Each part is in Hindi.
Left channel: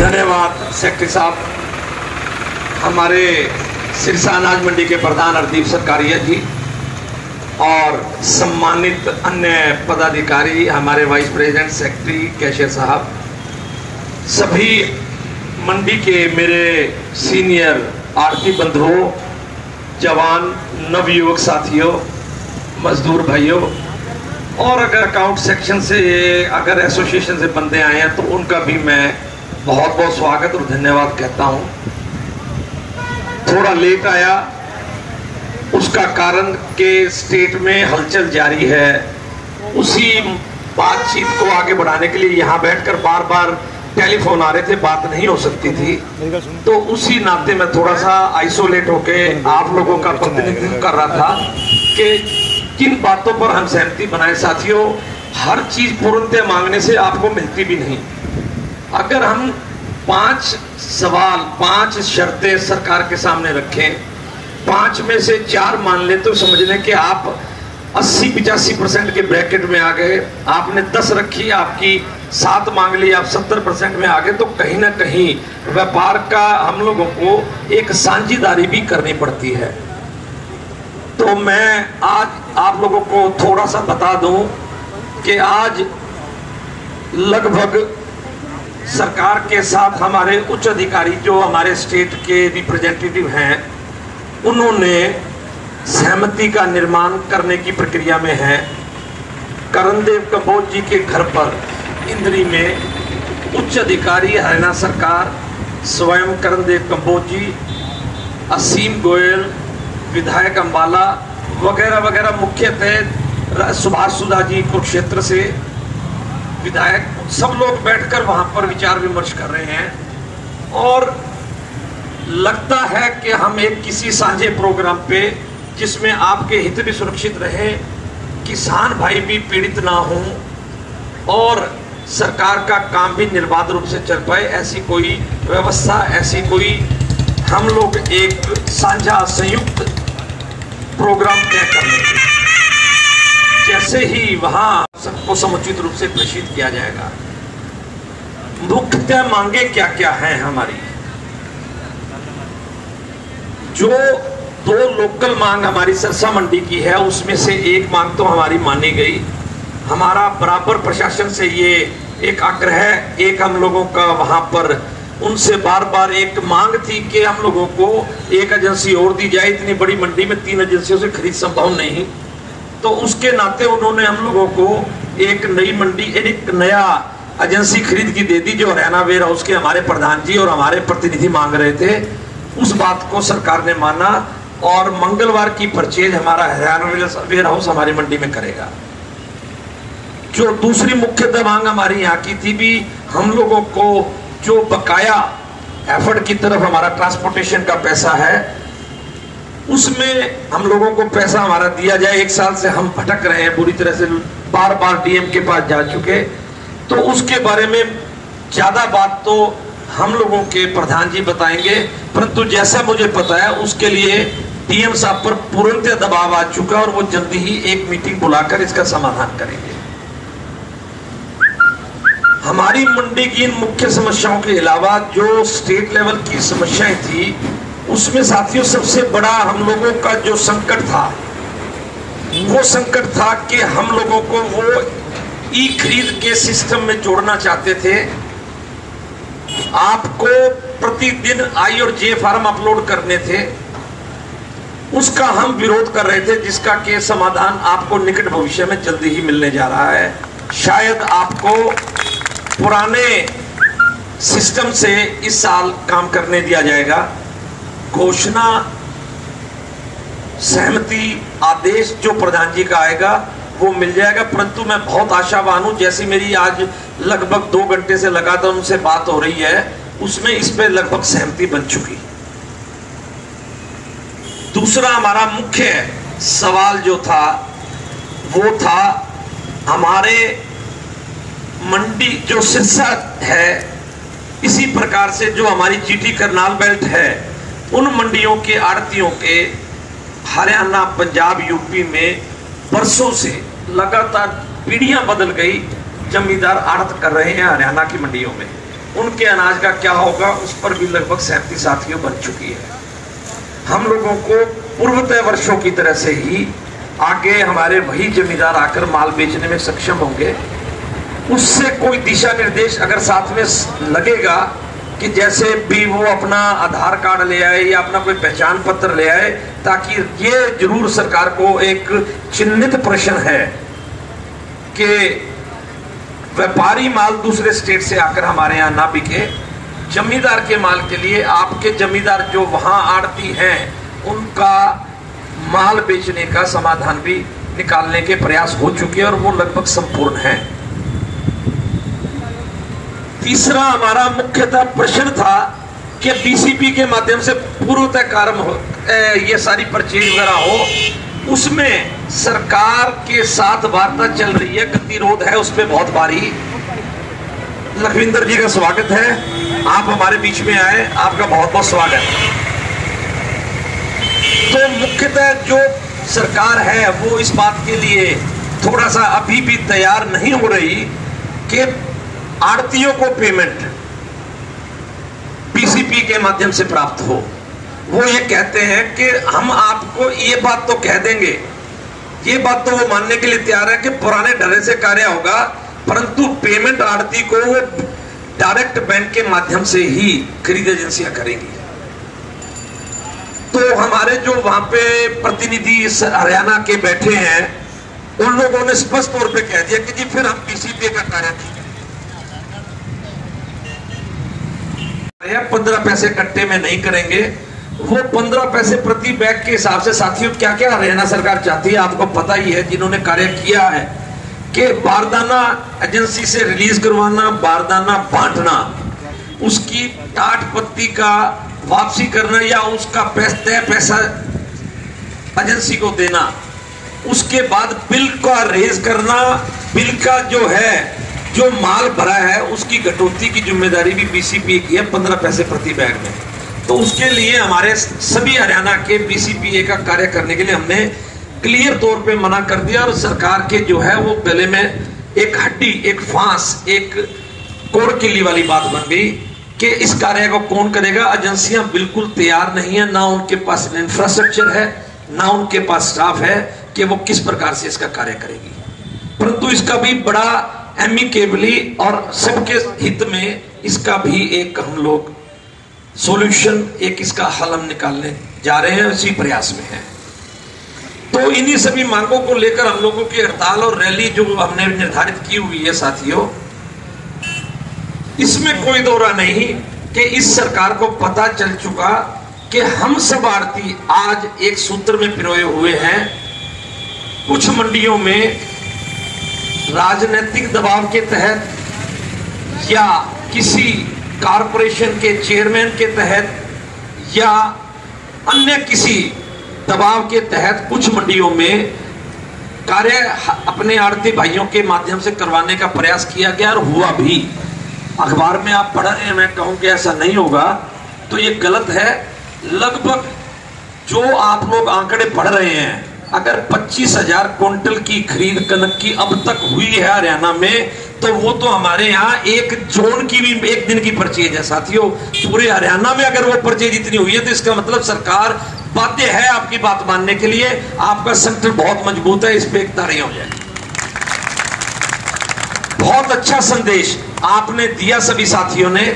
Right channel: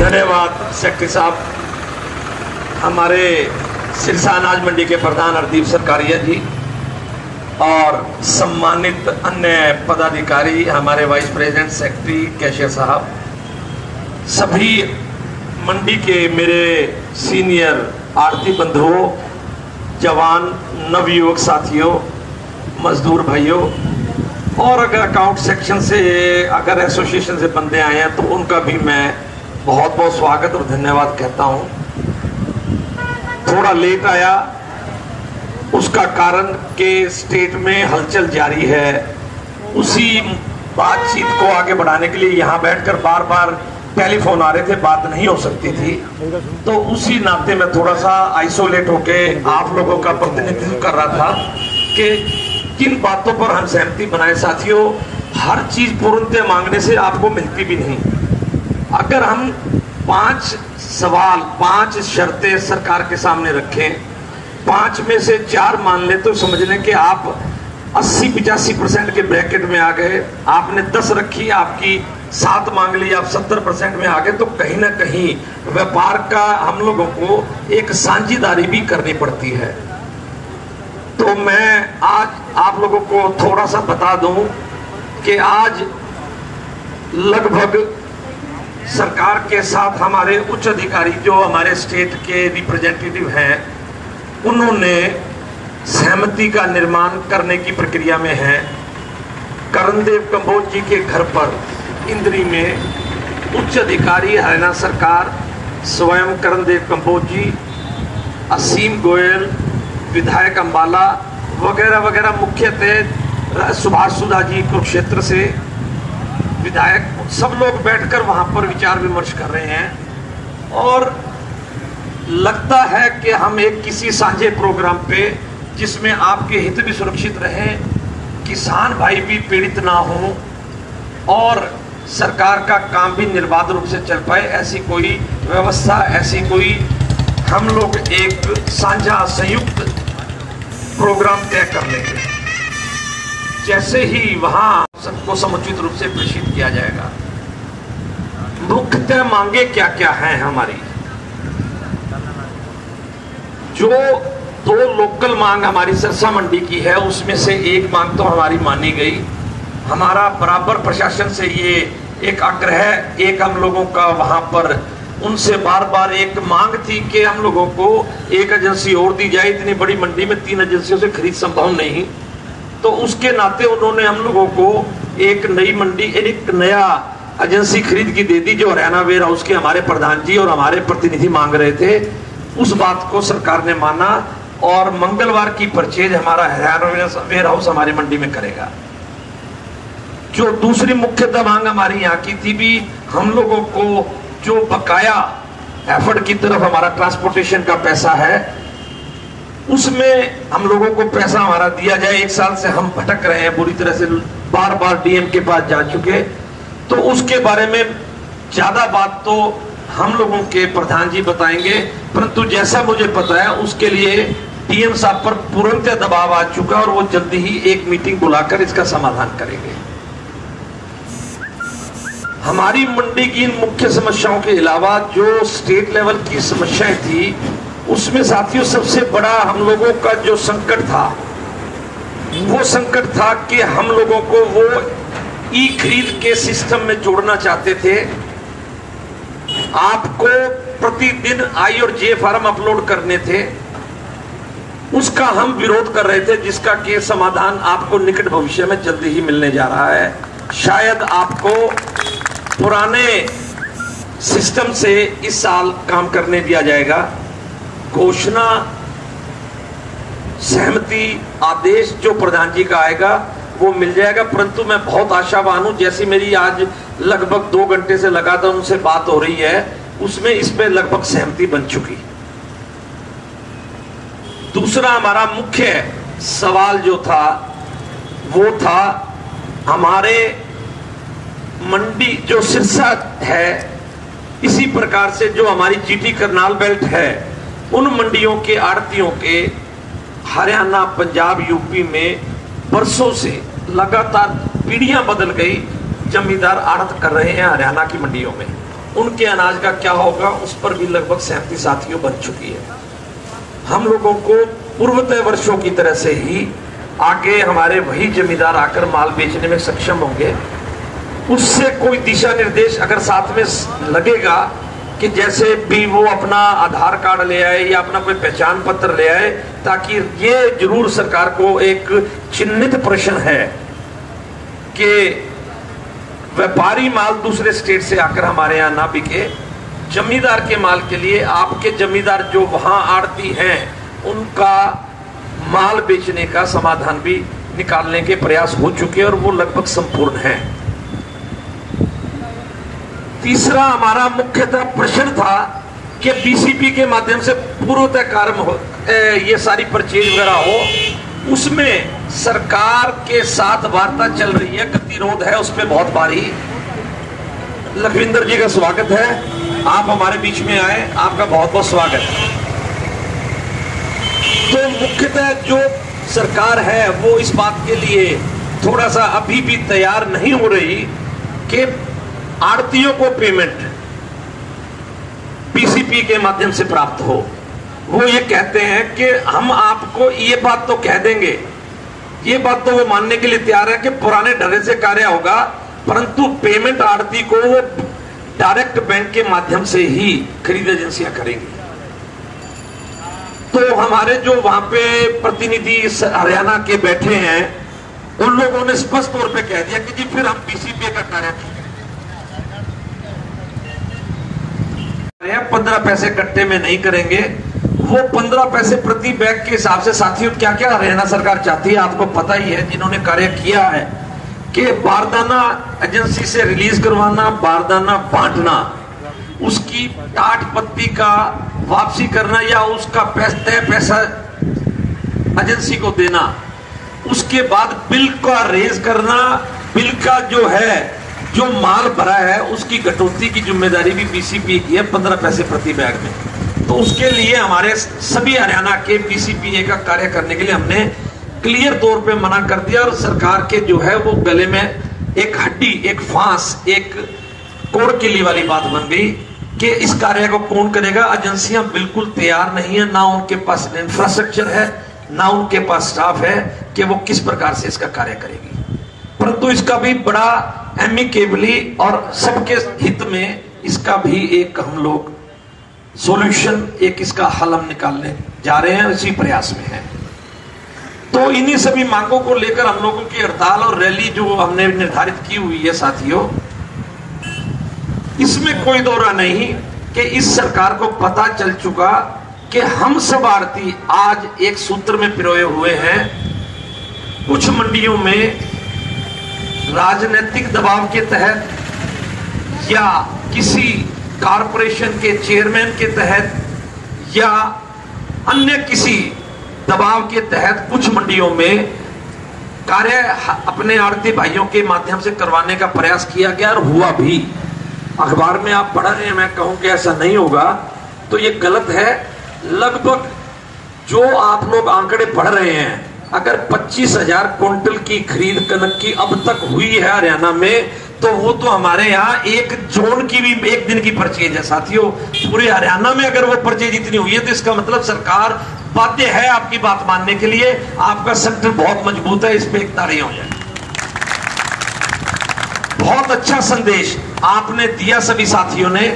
धन्यवाद सेक्रेटरी साहब, हमारे सिरसा अनाज मंडी के प्रधान हरदीप सरकारिया जी और सम्मानित अन्य पदाधिकारी, हमारे वाइस प्रेसिडेंट, सेक्रेटरी, कैशियर साहब, सभी मंडी के मेरे सीनियर आरती बंधुओं, जवान, नवयुवक साथियों, मजदूर भाइयों और अगर अकाउंट सेक्शन से, अगर एसोसिएशन से बंदे आए हैं तो उनका भी मैं बहुत बहुत स्वागत और धन्यवाद कहता हूं। थोड़ा लेट आया, उसका कारण के स्टेट में हलचल जारी है। उसी बातचीत को आगे बढ़ाने के लिए यहां बैठकर बार बार टेलीफोन आ रहे थे, बात नहीं हो सकती थी, तो उसी नाते मैं थोड़ा सा आइसोलेट होके आप लोगों का प्रतिनिधित्व कर रहा था कि किन बातों पर हम सहमति बनाए। साथियों, हर चीज पूर्णतः मांगने से आपको मिलती भी नहीं। अगर हम 5 सवाल, 5 शर्तें सरकार के सामने रखें, 5 में से 4 मान ले तो समझ लें कि आप 80-85% के ब्रैकेट में आ गए। आपने 10 रखी, आपकी 7 मांग ली, आप 70% में आ गए। तो कहीं ना कहीं व्यापार का हम लोगों को एक साझेदारी भी करनी पड़ती है। तो मैं आज आप लोगों को थोड़ा सा बता दूं कि आज लगभग सरकार के साथ हमारे उच्च अधिकारी जो हमारे स्टेट के रिप्रेजेंटेटिव हैं, उन्होंने सहमति का निर्माण करने की प्रक्रिया में है। करणदेव कंबोज जी के घर पर इंद्री में उच्च अधिकारी हरियाणा सरकार, स्वयं करणदेव कंबोज जी, असीम गोयल, विधायक अंबाला वगैरह वगैरह, मुख्यतः सुभाष सुधा जी कुरुक्षेत्र से विधायक, सब लोग बैठकर वहां पर विचार विमर्श कर रहे हैं। और लगता है कि हम एक किसी साझे प्रोग्राम पे, जिसमें आपके हित भी सुरक्षित रहे, किसान भाई भी पीड़ित ना हो और सरकार का काम भी निर्बाध रूप से चल पाए, ऐसी कोई व्यवस्था, ऐसी कोई हम लोग एक साझा संयुक्त प्रोग्राम तय कर लेंगे। जैसे ही वहां सबको समुचित रूप से प्रेषित किया जाएगा। मुख्यतः मांगे क्या क्या हैं हमारी? जो 2 लोकल मांग हमारी सिरसा मंडी की है, उसमें से एक मांग तो हमारी मानी गई। हमारा बराबर प्रशासन से ये एक आग्रह, एक हम लोगों का वहां पर उनसे बार बार एक मांग थी कि हम लोगों को एक एजेंसी और दी जाए। इतनी बड़ी मंडी में 3 एजेंसियों से खरीद संभव नहीं, तो उसके नाते उन्होंने हम लोगों को एक नई मंडी, एक नया एजेंसी खरीद की दे दी, जो हरियाणा वेयर हाउस के हमारे प्रधान जी और हमारे प्रतिनिधि मांग रहे थे। उस बात को सरकार ने माना और मंगलवार की परचेज हमारा हरियाणा वेयर हाउस हमारी मंडी में करेगा। जो दूसरी मुख्यतः मांग हमारी यहाँ की थी भी, हम लोगों को जो बकाया एफर्ट की तरफ हमारा ट्रांसपोर्टेशन का पैसा है, उसमें हम लोगों को पैसा हमारा दिया जाए। 1 साल से हम भटक रहे हैं बुरी तरह से, बार बार डीएम के पास जा चुके, तो उसके बारे में ज्यादा बात तो हम लोगों के प्रधान जी बताएंगे, परंतु जैसा मुझे पता है उसके लिए डीएम साहब पर पूर्णतः दबाव आ चुका और वो जल्दी ही एक मीटिंग बुलाकर इसका समाधान करेंगे। हमारी मंडी की इन मुख्य समस्याओं के अलावा जो स्टेट लेवल की समस्याएं थी, उसमें साथियों सबसे बड़ा हम लोगों का जो संकट था, वो संकट था कि हम लोगों को वो ई खरीद के सिस्टम में जोड़ना चाहते थे। आपको प्रतिदिन आई और जे फॉर्म अपलोड करने थे, उसका हम विरोध कर रहे थे, जिसका के समाधान आपको निकट भविष्य में जल्दी ही मिलने जा रहा है। शायद आपको पुराने सिस्टम से इस साल काम करने दिया जाएगा। घोषणा, सहमति, आदेश जो प्रधान जी का आएगा वो मिल जाएगा, परंतु मैं बहुत आशावान हूं। जैसी मेरी आज लगभग 2 घंटे से लगातार उनसे बात हो रही है, उसमें इसमें लगभग सहमति बन चुकी। दूसरा हमारा मुख्य सवाल जो था वो था हमारे मंडी जो सिरसा है, इसी प्रकार से जो हमारी जीटी करनाल बेल्ट है, उन मंडियों के आड़तियों के हरियाणा, पंजाब, यूपी में बरसों से लगातार पीढ़ियां बदल गई, जमींदार आड़त कर रहे हैं हरियाणा की मंडियों में। उनके अनाज का क्या होगा, उस पर भी लगभग सहमति साथियों बन चुकी है। हम लोगों को पूर्वतः वर्षों की तरह से ही आगे हमारे वही जमींदार आकर माल बेचने में सक्षम होंगे। उससे कोई दिशा निर्देश अगर साथ में लगेगा कि जैसे भी वो अपना आधार कार्ड ले आए या अपना कोई पहचान पत्र ले आए, ताकि ये जरूर सरकार को एक चिन्हित प्रश्न है कि व्यापारी माल दूसरे स्टेट से आकर हमारे यहाँ ना बिके। जमींदार के माल के लिए आपके जमींदार जो वहां आड़ती हैं उनका माल बेचने का समाधान भी निकालने के प्रयास हो चुके हैं और वो लगभग संपूर्ण है। तीसरा हमारा मुख्यतः प्रश्न था कि बीसीपी के माध्यम से पूर्वतः कार्य हो, ये सारी परचेज वगैरह हो, उसमें सरकार के साथ वार्ता चल रही है, गतिरोध है, उसमें बहुत भारी। लखविंदर जी का स्वागत है, आप हमारे बीच में आए, आपका बहुत बहुत स्वागत। तो मुख्यतः जो सरकार है वो इस बात के लिए थोड़ा सा अभी भी तैयार नहीं हो रही कि आड़तियों को पेमेंट पीसीपी के माध्यम से प्राप्त हो। वो ये कहते हैं कि हम आपको ये बात तो कह देंगे, ये बात तो वो मानने के लिए तैयार है कि पुराने ढंग से कार्य होगा, परंतु पेमेंट आड़ती को वो डायरेक्ट बैंक के माध्यम से ही खरीद एजेंसियां करेंगी। तो हमारे जो वहां पे प्रतिनिधि हरियाणा के बैठे हैं उन लोगों ने स्पष्ट तौर पे कह दिया कि जी फिर हम पीसीपी का कार्य नहीं करेंगे, 15 पैसे कट्टे में नहीं करेंगे। वो 15 पैसे प्रति बैग के हिसाब से साथियों क्या क्या हरियाणा सरकार चाहती है आपको पता ही है, जिन्होंने कार्य किया है कि बारदाना एजेंसी से रिलीज करवाना, बारदाना बांटना, उसकी टाट पत्ती का वापसी करना या उसका पैसा एजेंसी को देना, उसके बाद बिल का रेज करना, बिल का जो है जो माल भरा है उसकी कटौती की जिम्मेदारी भी पीसीपी की है 15 पैसे प्रति बैग में। तो उसके लिए हमारे सभी हरियाणा के पीसीपीए का कार्य करने के लिए हमने क्लियर तौर पे मना कर दिया और सरकार के जो है वो गले में एक हड्डी, एक फांस, एक कोड़ किल्ली वाली बात बन गई कि इस कार्य को कौन करेगा। एजेंसियां बिल्कुल तैयार नहीं है, ना उनके पास इंफ्रास्ट्रक्चर है, ना उनके पास स्टाफ है कि वो किस प्रकार से इसका कार्य करेगी। परंतु इसका भी बड़ा एमिकेबली और सबके हित में इसका भी एक हम लोग सॉल्यूशन, एक इसका हल हम निकालने जा रहे हैं, इसी प्रयास में है। तो इन्हीं सभी मांगों को लेकर हम लोगों की हड़ताल और रैली जो हमने निर्धारित की हुई है साथियों, इसमें कोई दौरा नहीं कि इस सरकार को पता चल चुका कि हम सब आड़ती आज एक सूत्र में पिरोए हुए हैं। कुछ मंडियों में राजनीतिक दबाव के तहत या किसी कारपोरेशन के चेयरमैन के तहत या अन्य किसी दबाव के तहत कुछ मंडियों में कार्य अपने आड़ती भाइयों के माध्यम से करवाने का प्रयास किया गया और हुआ भी। अखबार में आप पढ़ रहे हैं, मैं कहूं कि ऐसा नहीं होगा तो ये गलत है। लगभग जो आप लोग आंकड़े पढ़ रहे हैं, अगर 25,000 क्विंटल की खरीद कनक की अब तक हुई है हरियाणा में, तो वो तो हमारे यहाँ एक जोन की भी एक दिन की परचेज है साथियों। पूरे हरियाणा में अगर वो परचेज इतनी हुई है तो इसका मतलब सरकार बाध्य है आपकी बात मानने के लिए। आपका संगठन बहुत मजबूत है, इस पे एक ताड़ी हो जाए। बहुत अच्छा संदेश आपने दिया सभी साथियों ने।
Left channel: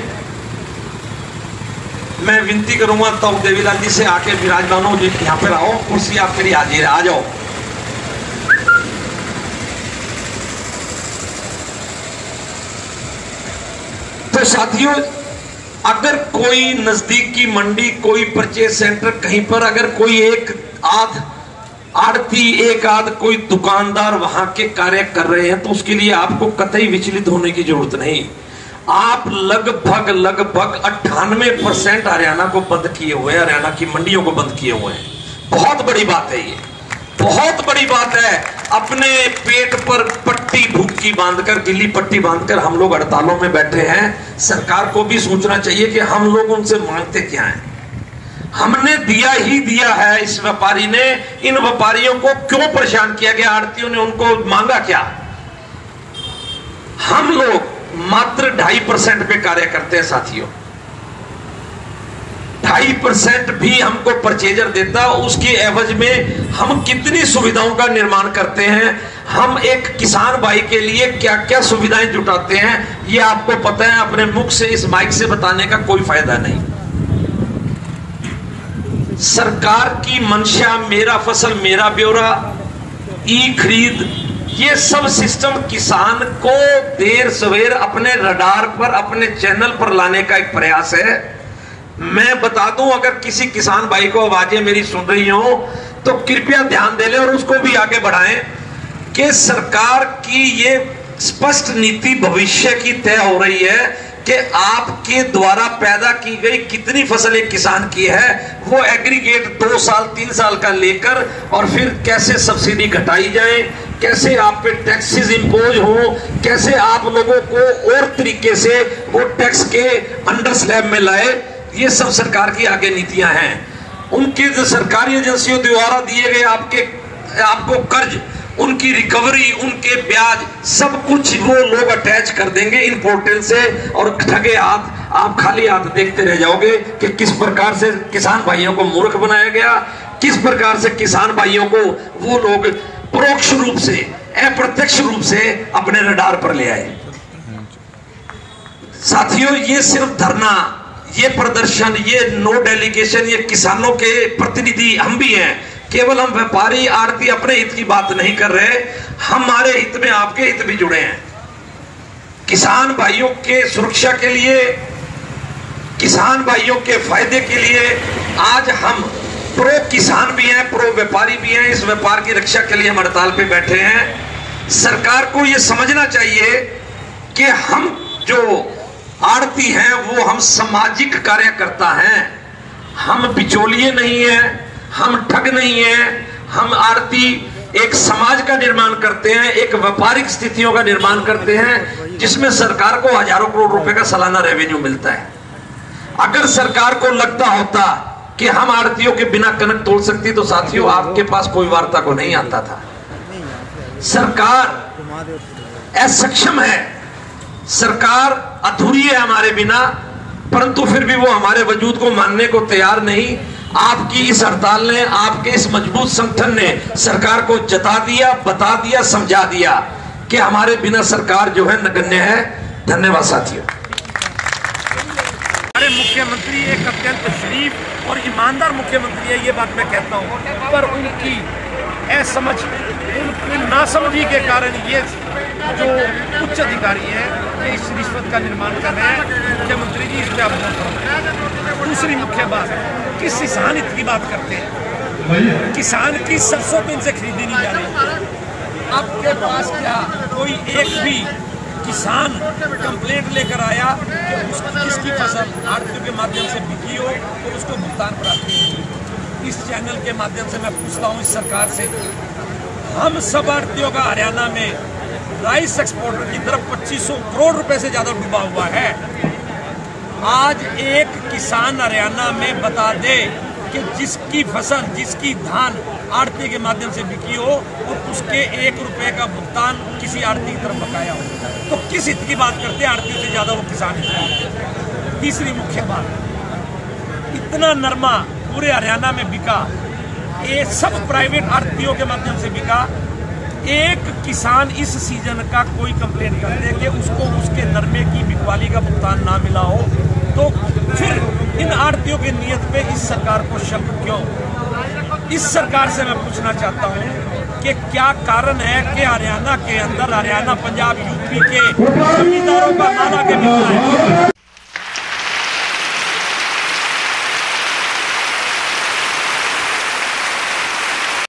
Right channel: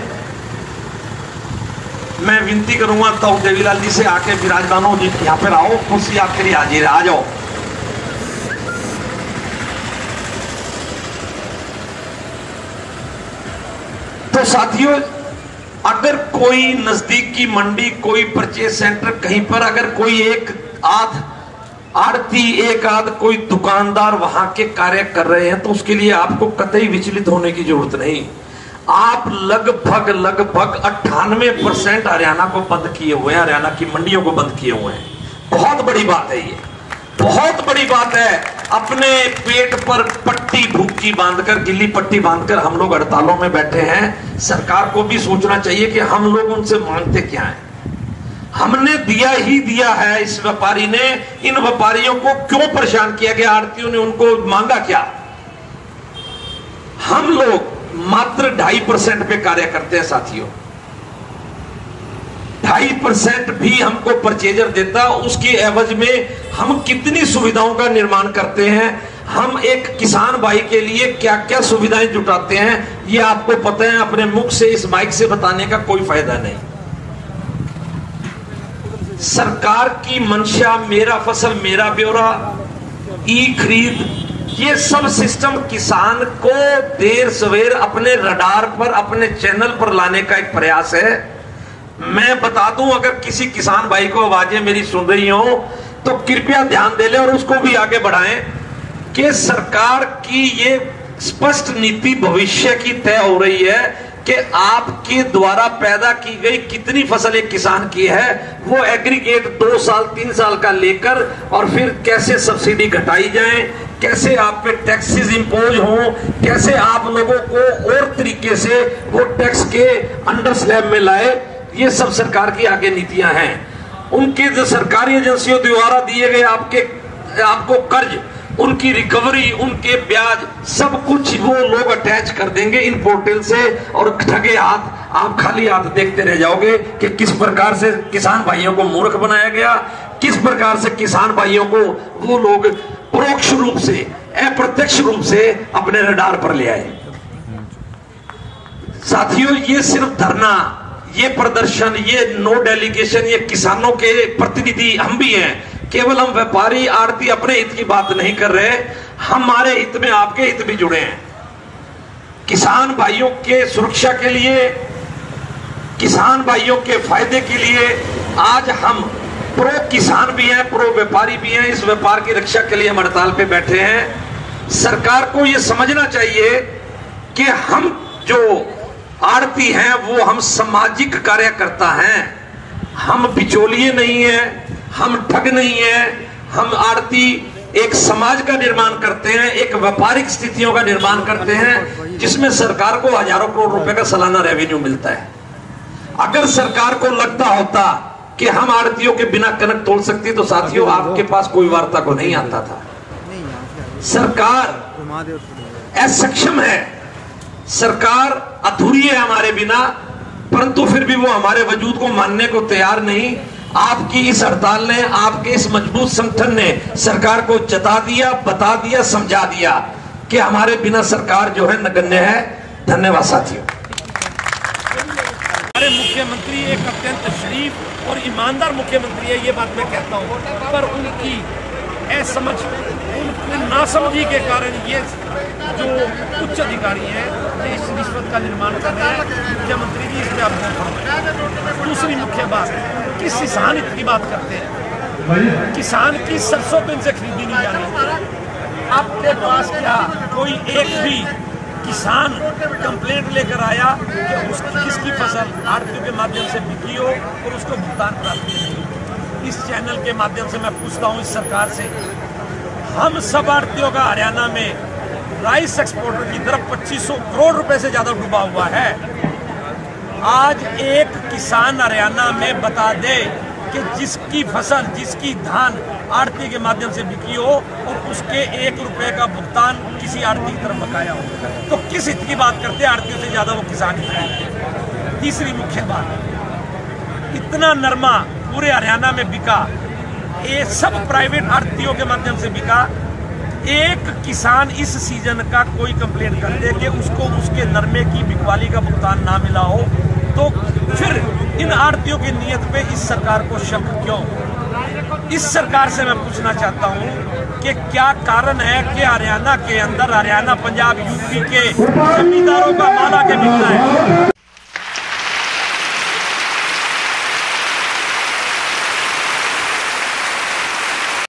मैं विनती करूंगा ताऊ देवीलाल जी से आके विराजमान हो, यहाँ पर आओ, कुर्सी आपके लिए हाजिर है, आ जाओ। तो साथियों, अगर कोई नजदीक की मंडी, कोई परचेज सेंटर, कहीं पर अगर कोई एक आध आड़ती, एक आध कोई दुकानदार वहां के कार्य कर रहे हैं तो उसके लिए आपको कतई विचलित होने की जरूरत नहीं। आप लगभग 98% हरियाणा को बंद किए हुए हैं, हरियाणा की मंडियों को बंद किए हुए हैं। बहुत बड़ी बात है ये, बहुत बड़ी बात है। अपने पेट पर पट्टी भूखी बांधकर, गिल्ली पट्टी बांधकर हम लोग हड़तालों में बैठे हैं। सरकार को भी सोचना चाहिए कि हम लोग उनसे मांगते क्या हैं। हमने दिया ही दिया है। इस व्यापारी ने, इन व्यापारियों को क्यों परेशान किया गया, आड़तियों ने उनको मांगा क्या। हम लोग मात्र 2.5% पे कार्य करते हैं साथियों। 2.5% भी हमको परचेजर देता, उसके एवज में हम कितनी सुविधाओं का निर्माण करते हैं। हम एक किसान भाई के लिए क्या क्या सुविधाएं जुटाते हैं, ये आपको पता है। अपने मुख से इस माइक से बताने का कोई फायदा नहीं। सरकार की मंशा मेरा फसल मेरा ब्यौरा, ई खरीद, ये सब सिस्टम किसान को देर सवेर अपने रडार पर, अपने चैनल पर लाने का एक प्रयास है। मैं बता दूं, अगर किसी किसान भाई को आवाजें मेरी सुन रही हो तो कृपया ध्यान दे लें और उसको भी आगे बढ़ाएं कि सरकार की ये स्पष्ट नीति भविष्य की तय हो रही है कि आपके द्वारा पैदा की गई कितनी फसल एक किसान की है, वो एग्रीगेट 2 साल 3 साल का लेकर, और फिर कैसे सब्सिडी घटाई जाए, कैसे आप पे टैक्सेस इंपोज हो, कैसे आप लोगों को और तरीके से वो टैक्स के अंडर स्लैब में लाए, ये सब सरकार की आगे नीतियां हैं। उनके जो सरकारी एजेंसियों द्वारा दिए गए आपको कर्ज, उनकी रिकवरी, उनके ब्याज, सब कुछ वो लोग अटैच कर देंगे इन पोर्टल से, और ठगे हाथ आप खाली हाथ देखते रह जाओगे कि किस प्रकार से किसान भाइयों को मूर्ख बनाया गया, किस प्रकार से किसान भाइयों को वो लोग परोक्ष रूप से, अप्रत्यक्ष रूप से अपने रडार पर ले आए। साथियों, ये सिर्फ धरना, ये प्रदर्शन, ये नो डेलीगेशन, ये किसानों के प्रतिनिधि हम भी हैं। केवल हम व्यापारी आड़ती अपने हित की बात नहीं कर रहे, हमारे हित में आपके हित भी जुड़े हैं। किसान भाइयों के सुरक्षा के लिए, किसान भाइयों के फायदे के लिए आज हम प्रो किसान भी हैं, प्रो व्यापारी भी हैं। इस व्यापार की रक्षा के लिए हम हड़ताल पे बैठे हैं। सरकार को यह समझना चाहिए कि हम जो आड़ती हैं वो हम सामाजिक कार्यकर्ता हैं, हम बिचौलिए नहीं हैं, हम ठग नहीं है। हम आड़ती एक समाज का निर्माण करते हैं, एक व्यापारिक स्थितियों का निर्माण करते हैं, जिसमें सरकार को हजारों करोड़ रुपए का सालाना रेवेन्यू मिलता है। अगर सरकार को लगता होता कि हम आड़तियों के बिना कनक तोड़ सकती, तो साथियों आपके पास कोई वार्ता को नहीं आता था। सरकार असक्षम है, सरकार अधूरी है हमारे बिना, परंतु फिर भी वो हमारे वजूद को मानने को तैयार नहीं। आपकी इस हड़ताल ने, आपके इस मजबूत संगठन ने सरकार को जता दिया, बता दिया, समझा दिया कि हमारे बिना सरकार जो है नगण्य है। धन्यवाद साथियों। हमारे मुख्यमंत्री एक अत्यंत शरीफ और ईमानदार मुख्यमंत्री है, ये बात मैं कहता हूँ, पर उनकी असमझ, उनकी नासमझी के कारण ये जो उच्च अधिकारी हैं ये इस रिश्वत का निर्माण कर रहे हैं। मुख्यमंत्री जी, इस पे आप गौर फरमाएं। दूसरी मुख्य बात, किस किसान हित की बात करते हैं? किसान की सरसों तो इनसे खरीदी नहीं जा रही। आपके पास क्या कोई एक भी किसान कंप्लेंट लेकर आया कि जिसकी फसल आड़तियों के माध्यम से बिकी हो और उसको भुगतान प्राप्त नहीं? इस चैनल के माध्यम से मैं पूछता हूं इस सरकार से, हम सब आड़तियों का हरियाणा में राइस एक्सपोर्टर की तरफ 2500 करोड़ रुपए से ज्यादा डूबा हुआ है। आज एक किसान हरियाणा में बता दे कि जिसकी फसल, जिसकी धान आड़ती के माध्यम से बिकी हो और उसके 1 रुपए का भुगतान किसी आड़ती की तरफ बकाया हो, तो किस हित की बात करते हैं? आड़तियों से ज्यादा वो किसान हित की। तीसरी मुख्य बात, इतना नरमा पूरे हरियाणा में बिका, ये सब प्राइवेट आड़तियों के माध्यम से बिका। एक किसान इस सीजन का कोई कंप्लेंट कर दे कि उसको उसके नरमे की बिकवाली का भुगतान ना मिला हो, तो फिर इन आड़तियों की नीयत पे इस सरकार को शक क्यों? इस सरकार से मैं पूछना चाहता हूं कि क्या कारण है कि हरियाणा के अंदर, हरियाणा, पंजाब, यूपी के जमींदारों का माल आके बिकता है?